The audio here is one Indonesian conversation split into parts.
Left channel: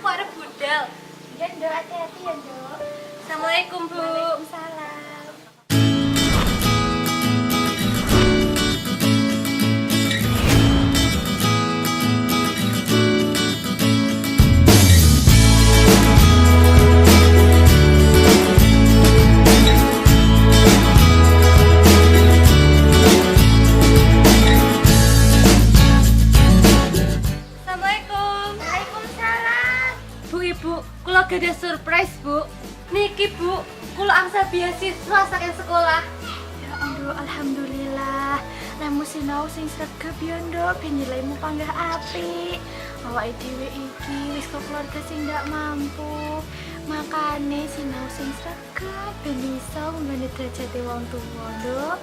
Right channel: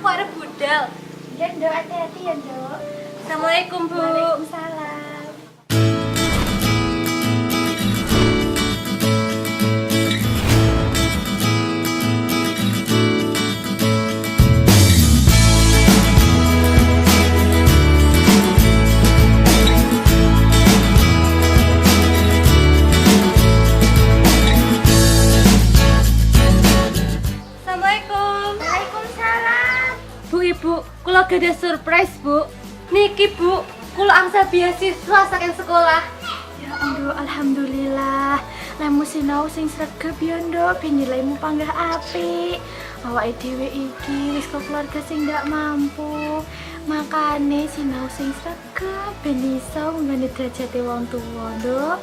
aku arep budal. Ya, Nduk, hati-hati ya, Nduk. Assalamualaikum, Bu. Waalaikumsalam. Assalamualaikum. Waalaikumsalam. Bu, Ibu, kula gada surprise, Bu. Niki, Bu, kula angsa beasiswa saking sekolah. Ya Nduk, alhamdulillah. Lemu sinau sing sregep ya, Nduk, ben nilaimu panggah apik. Awake dhewe iki wis kok keluarga sing ndak mampu. Makane sinau sing sregep ben iso nggone derajate wong tuwa, Nduk.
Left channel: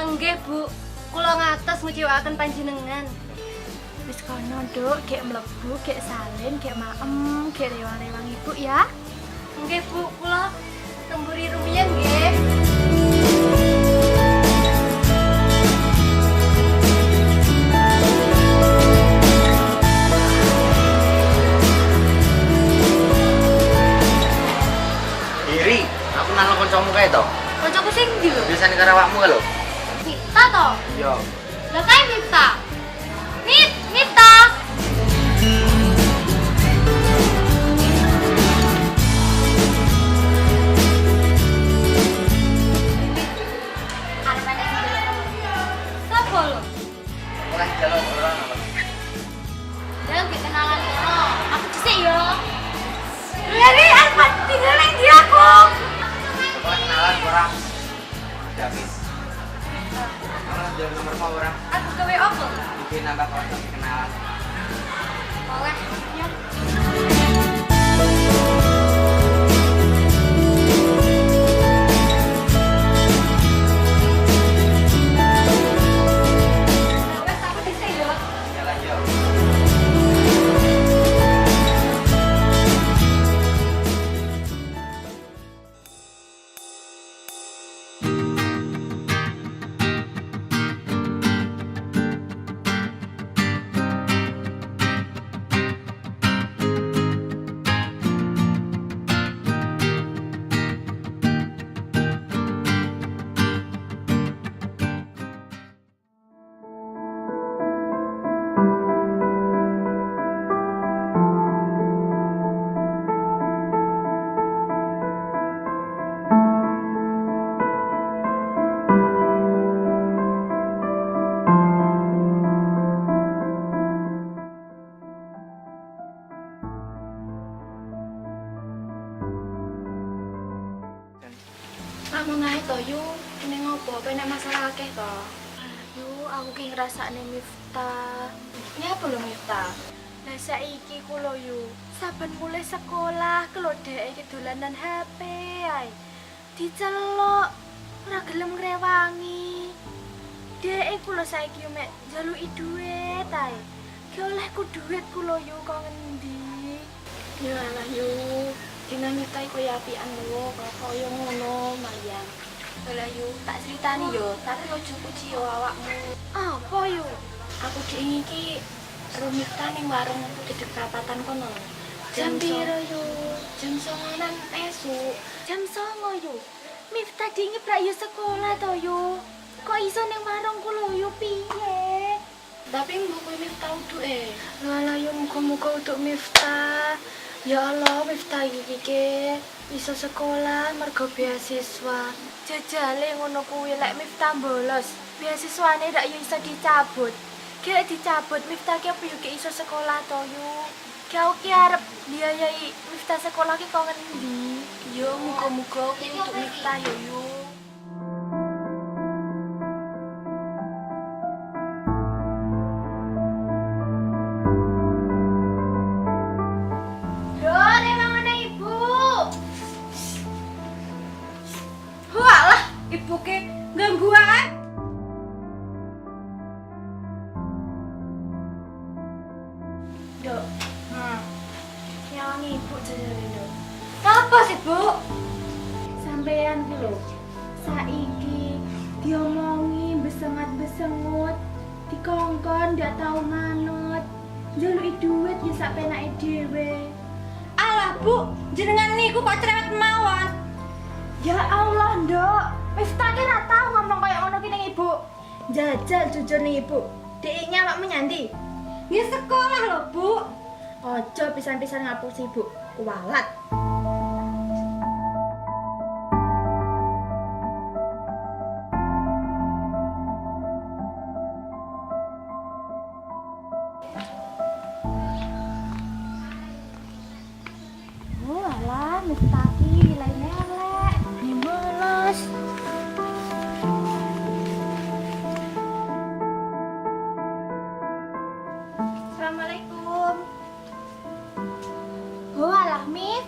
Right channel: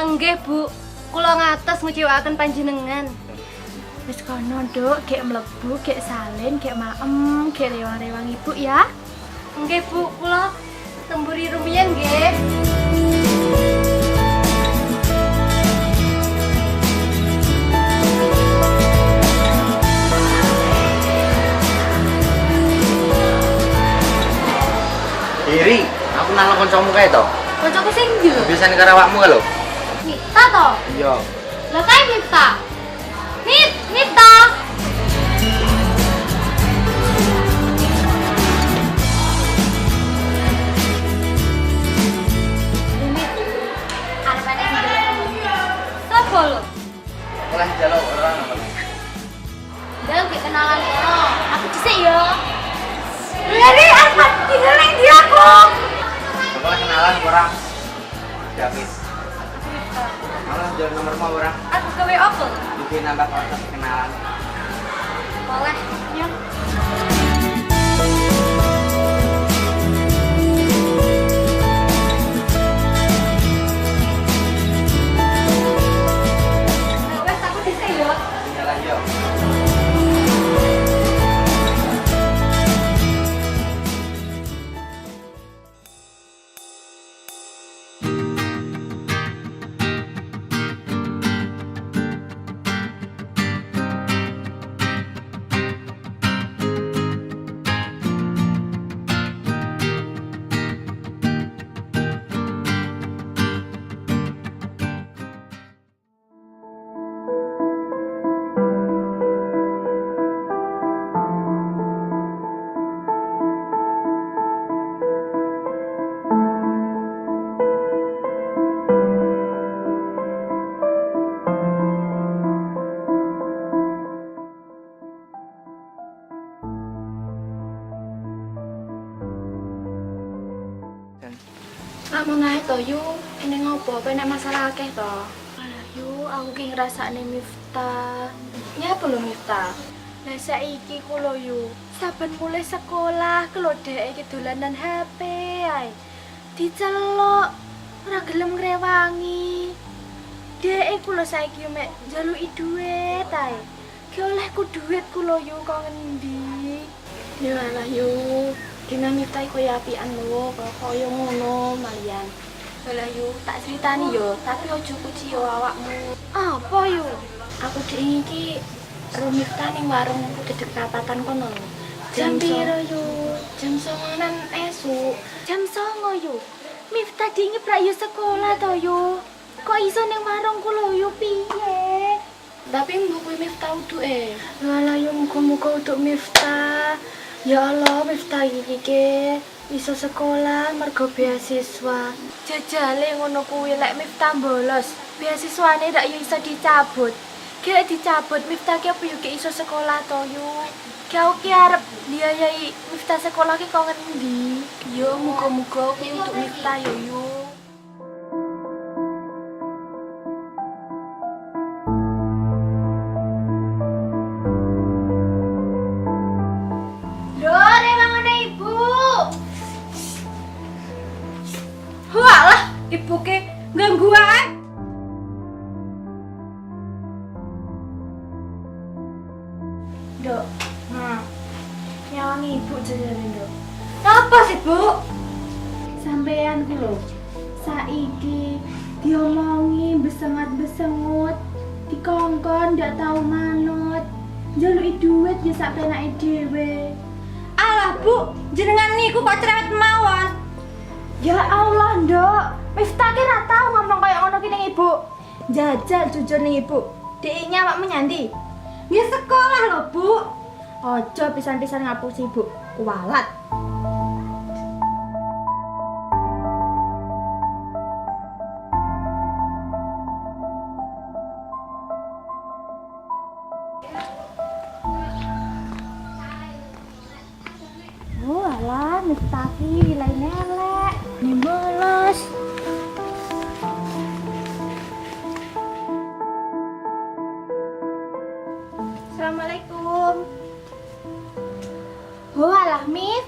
Enggih, Bu. Kula ngatos ngecewaken panjenengan. Wis kono, Nduk, gek mlebu, gek salin, gek maem, gek rewang-rewang ibu ya. Enggih, Bu, kula temburi rumiyin nggih. Iri, aku nang kancamu kae to. Kancaku sing ndi lho? Biasane karo awakmu kae lho. Mita to? Iya. Lah kae Mita. Mita. Sopo lho? Oleh jaluk ora ngono. Jangan kenalan kono. Aku dhisik ya. Lari apa tinggal nang ndi aku? Oleh kenalan ora. Davis. Malah jalan nomormu ora. Aku gawe opo? Bikin nambah kontak kenalan. Oleh. Ya. Wes aku dhisik ya. Jalan yo. Kamu naik to, Yu. Ini ngopo? Apa nek masalah akeh to? Alah, Yu, aku ki ngrasakne Miftah. Ya apa lho Miftah? Lah saiki ku lho, Yu. Saben mulai sekolah kelo dhek iki dolanan HP ae. Diceluk, ora gelem ngrewangi. Dhek ku lho saiki mek njaluki dhuwit ae. Ki olehku dhuwit ku lho, Yu, kok ngendi? Ya alah, Yu. Dina Miftah koyo apian lho, koyo ngono malian. Lah Yu, tak critani yo, tapi ojo puji yo awakmu. Apa yo? Aku dhek iki karo Miftah ning warung dedek perapatan kono lho. Jam piro yo? Jam 09.00 esuk. Jam 09.00 yo. Miftah dingi prak yo sekolah to yo. Kok iso ning warungku lho yo piye? Tapi mbok Miftah uduke. Lah yo muga-muga uduk Miftah. Ya Allah, Miftah iki bisa sekolah mergo beasiswa. Jajale ngono kuwi lek Miftah bolos, beasiswane ndak yo iso dicabut. Ki dicabut Miftah ki apa yo iso sekolah to yo. Kau ki arep biayai Miftah sekolah ki kok ngendi? Yo muga-muga kuwi untuk Miftah yo. Walah, ibu ke gangguan. Dok, nyawangi ibu jajane, Dok. Apa sih, Bu? Sampean ku lho. Saiki diomongi besengat-besengut, dikongkon ndak tahu manut. Njaluki duit ya sak penake dhewe. Alah, Bu, jenengan niku kok cerewet mawon. Ya Allah, Nduk. Miftah ki ra tau ngomong kaya ngono ki ning Ibu. Jajal jujur ning Ibu. Dek nyawakmu nyandi. Ya sekolah lho, Bu. Ojo pisan-pisan ngapusi, Bu. Kuwalat. Oh alah, Miftah ki wilayahne elek. Nih bolos. Assalamualaikum. Oh alah Mif.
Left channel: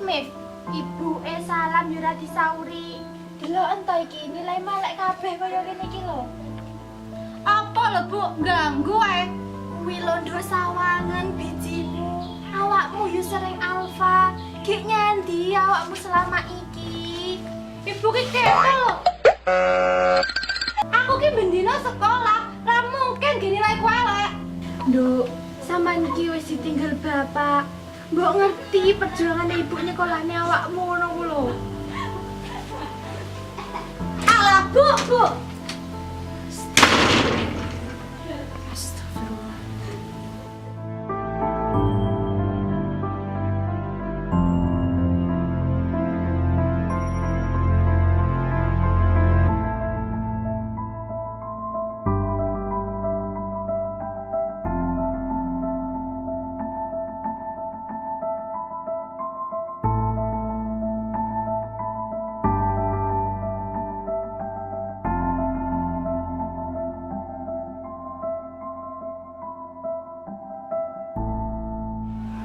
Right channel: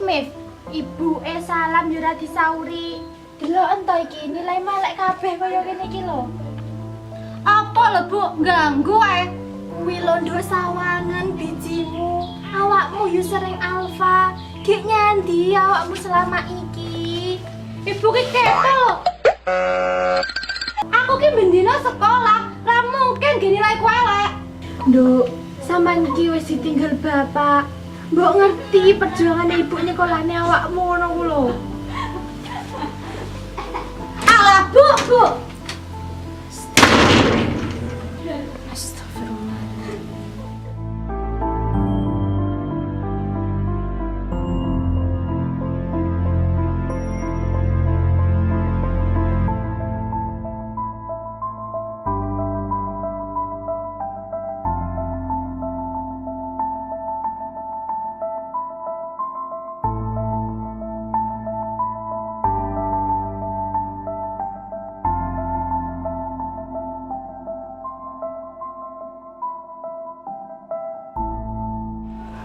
Ibu salam yo ora disauri. Delok ento iki nilai melek kabeh kaya kene iki lho. Apa lho, Bu? Ganggu ae. Kuwi lho nduk sawangan bijimu. Awakmu yo sering alfa. Gek nyandi awakmu selama iki. Ibu ki kepo. Aku ki bendina sekolah, ra mungkin gini nilai ku elek. Nduk, sampean iki wis ditinggal bapak. Mbok ngerti perjuangan ibu nyekolahne awakmu ngono ku lho. Alah, Bu. Astagfirullah.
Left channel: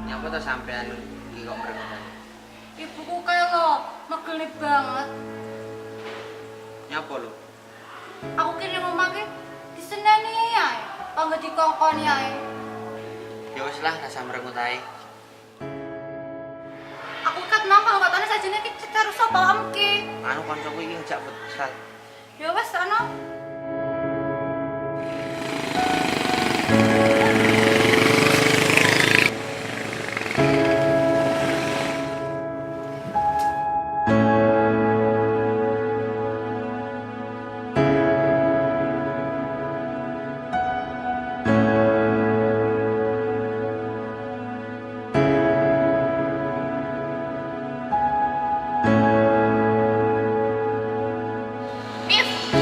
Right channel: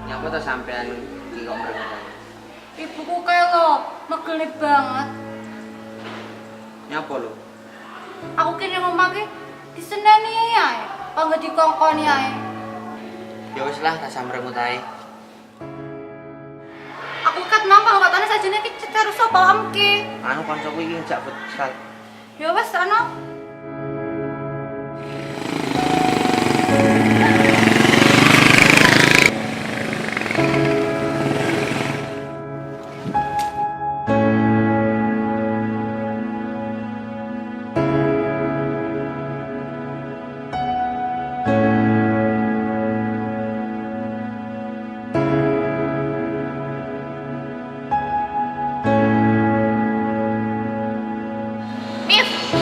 Nyapa to sampean iki kok mrengos. Ibuku kae lho, megel banget. Nyapa lho? Aku kene ngomong ki diseneni ae, kanggo dikongkoni ae. Ya wis lah rasa mrengut ae. Aku kat nang katane sajane ki cetar sapa amke. Anu kancaku iki ngejak futsal. Ya wis ana.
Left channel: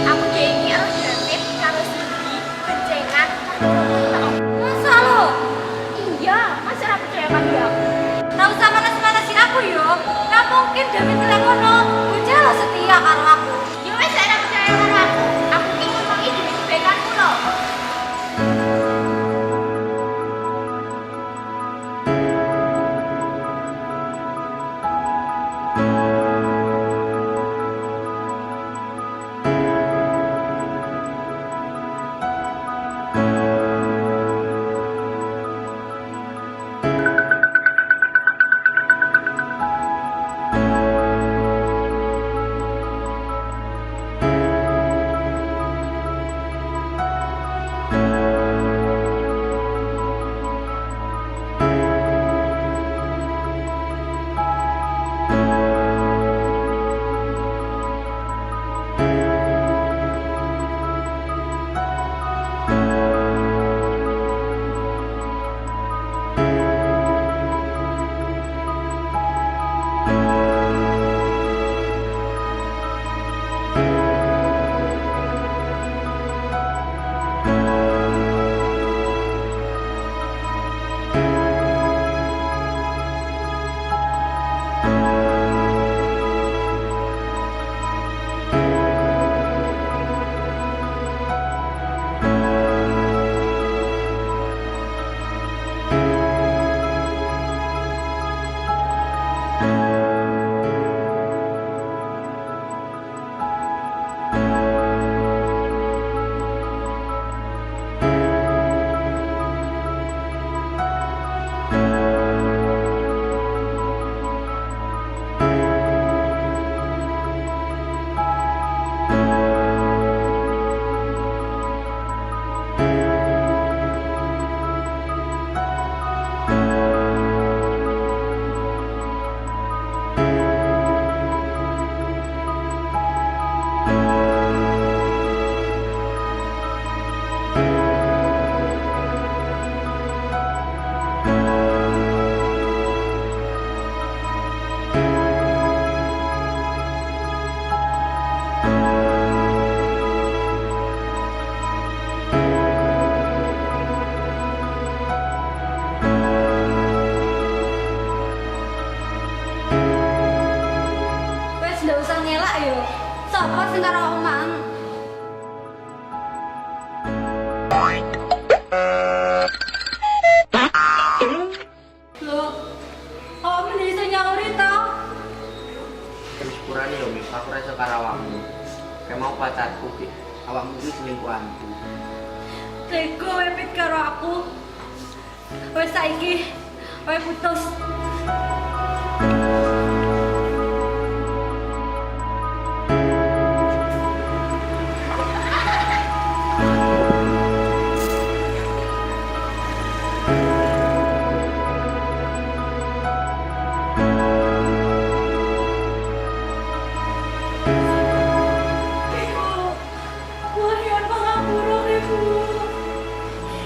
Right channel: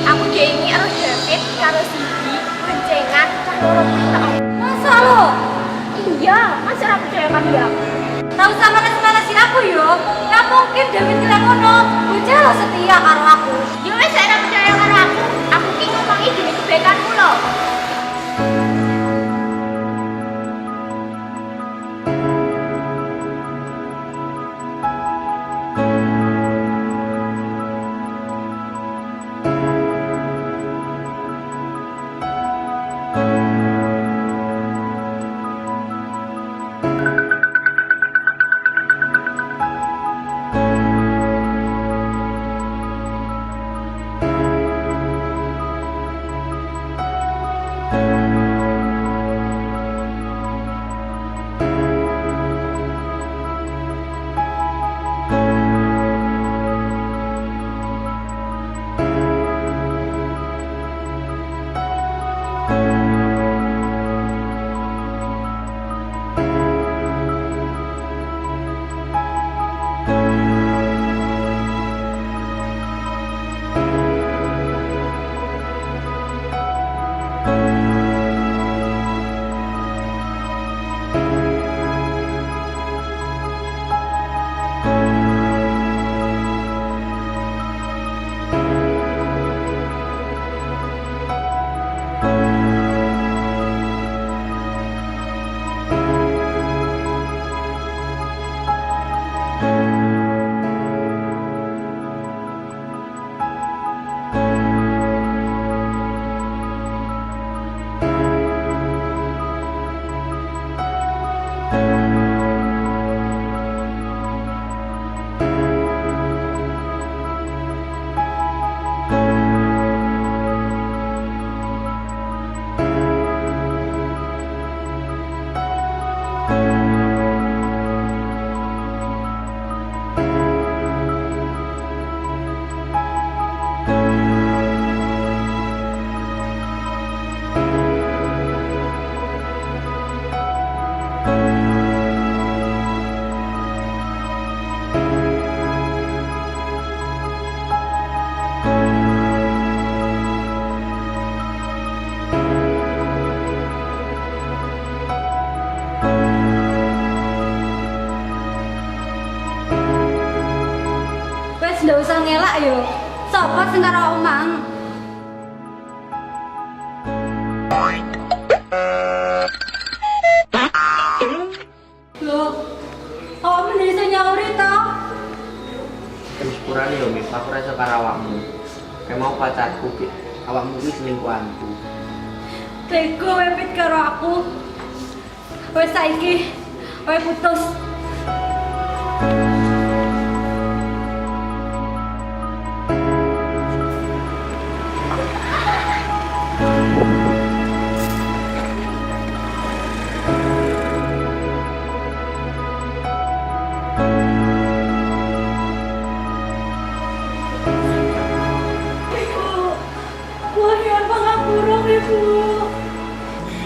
Aku jengi karo David karo Cindy boncengan cah loro kuwi tok. Masa lo? Iya, Mas ora percaya kan ya? Tahu sama manas-manasi aku yo. Gak mungkin David bilang ngono. Bocah lo setia karo aku. Ya wis ora percaya karo aku. Aku ki ngomongi demi kebaikanmu lho. masak yo. Sapa sing karo omang? Loh, kok meneh iso nyauri to? Terus kurane yo Mif, aku rasa karo awakmu. Kayak mau pacarku ki. Awakmu ki selingkuhanku. Tega wepit karo aku. Wes saiki, wes putus.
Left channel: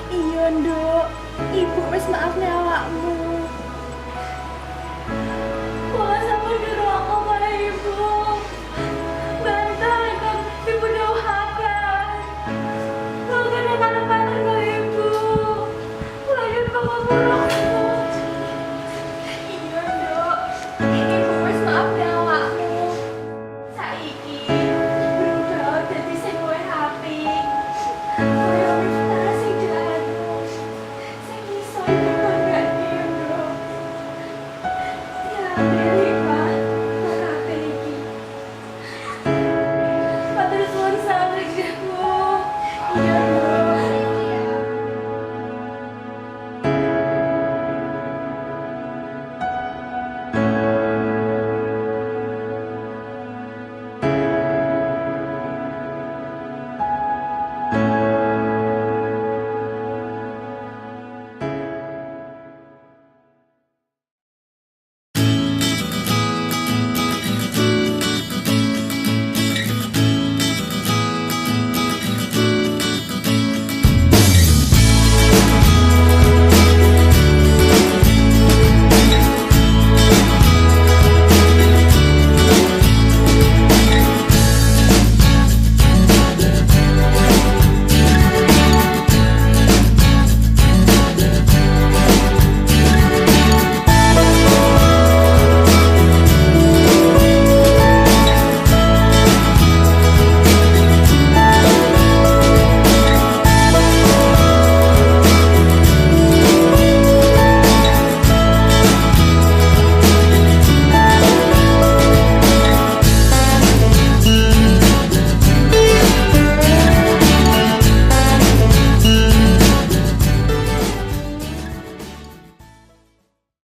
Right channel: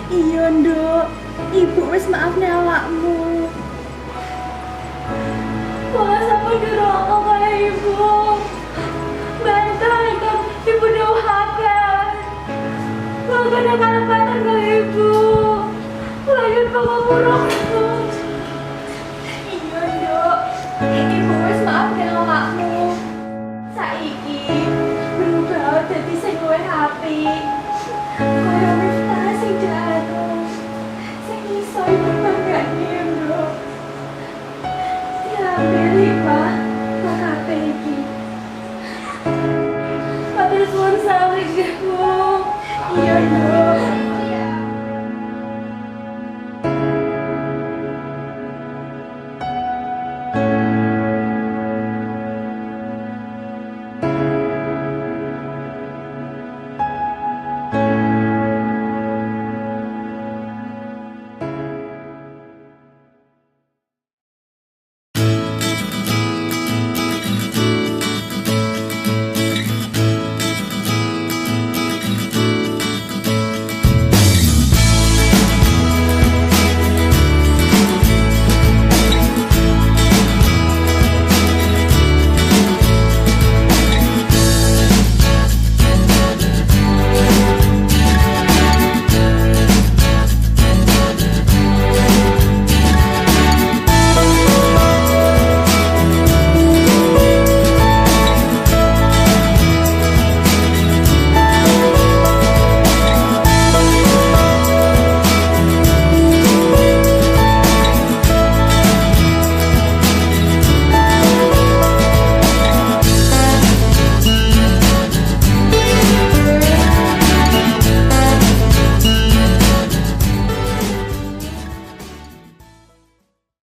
Iya, Nduk. Ibu wis maafne awakmu. Wah, sampai geroko kaya ibu. Bantal kan ibu doakan. Gak ada kalah-kalah